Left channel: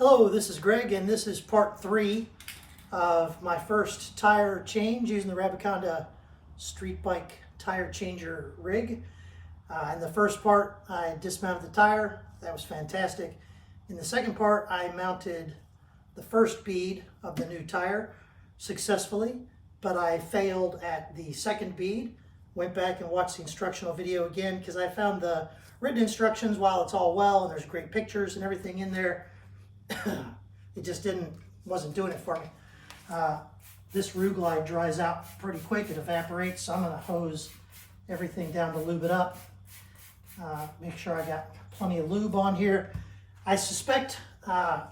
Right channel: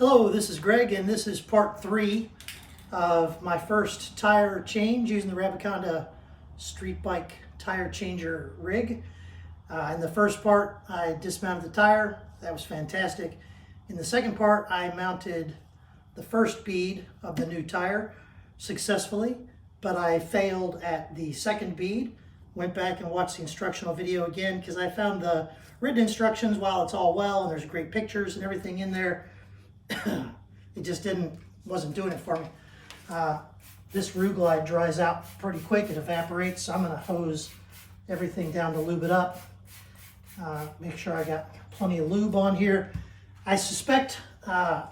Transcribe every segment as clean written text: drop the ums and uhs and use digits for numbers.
Hello, this is Greg, and this is part 3 of my first tire change using the Rabacanda street bike tire changer rig. In the first part, I dismounted the tire. That was fantastic. In the second part, I mounted the first bead of the new tire successfully, but I failed at the second bead. Went back and watched the instructional video again because I found the written instructions, while it's all well and there's great pictures and everything in there, it just wasn't doing it for me. This Rue Glide dries out pretty quick. It evaporates, so I'm going to hose everything down to lube it up. Make sure I got plenty of lube on here. I suspect part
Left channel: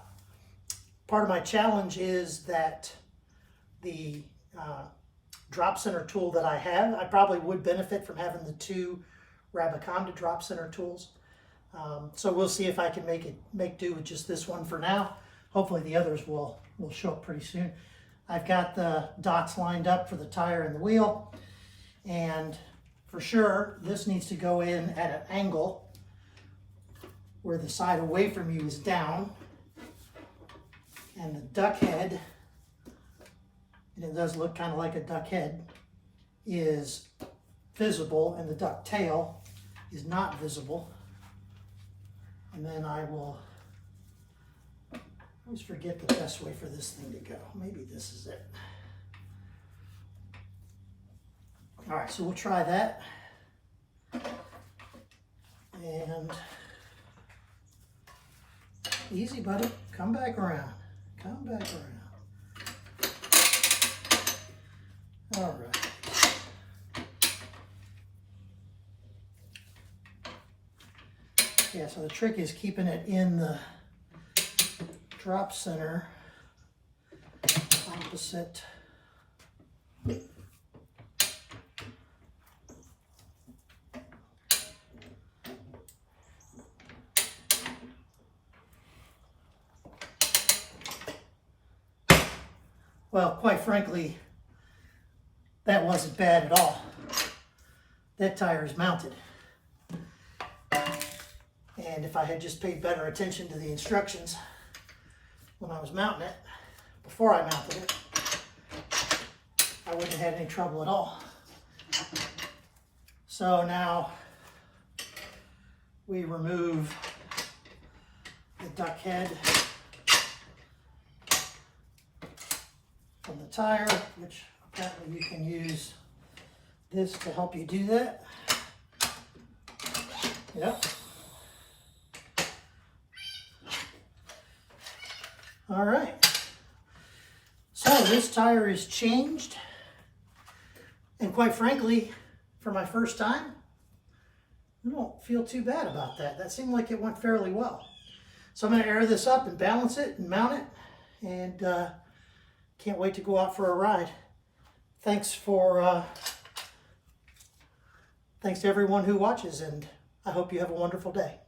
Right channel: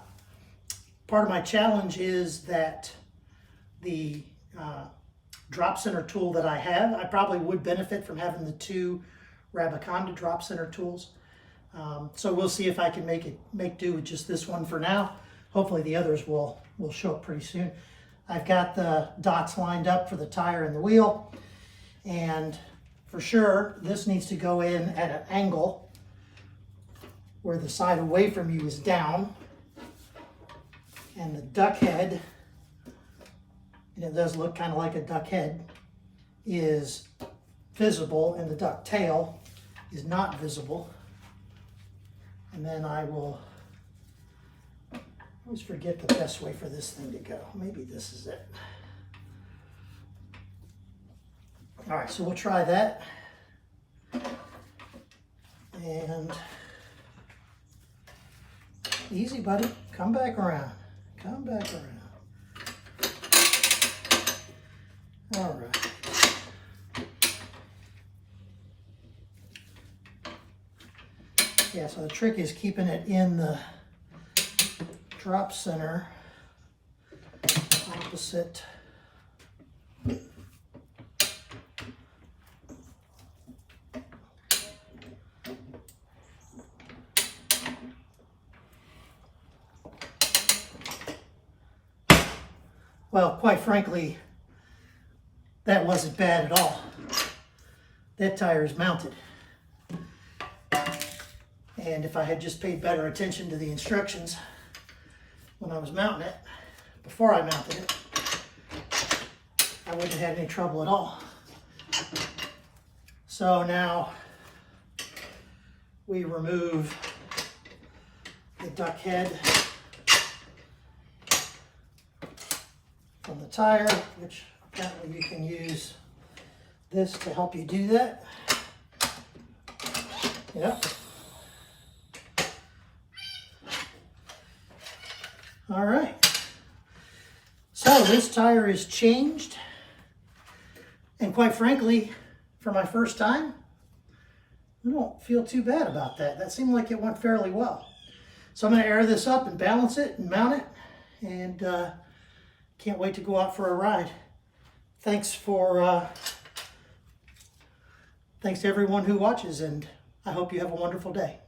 of my challenge is that the drop center tool that I have, I probably would benefit from having the two Rabacanda drop center tools. So we'll see if I can make do with just this one for now. Hopefully the others will show up pretty soon. I've got the dots lined up for the tire and the wheel, and for sure this needs to go in at an angle where the side away from you is down, and the duck head, and it does look kind of like a duck head, is visible, and the duck tail is not visible. And then I always forget the best way for this thing to go. Maybe this is it. All right, so we'll try that. And easy, buddy. Come back around. Come back around. All right. Yeah, so the trick is keeping it in the drop center opposite well, quite frankly, that wasn't bad at all. That tire is mounted. And if I had just paid better attention to the instructions when I was mounting it, before I mounted it, I wouldn't have had any trouble at all. So now we remove the duck head from the tire, which apparently you can use this to help you do that. Yep. All right, so this tire is changed, and quite frankly, for my first time, I don't feel too bad about that. That seemed like it went fairly well. So I'm going to air this up and balance it and mount it, and can't wait to go out for a ride. Thanks to everyone who watches, and I hope you have a wonderful day.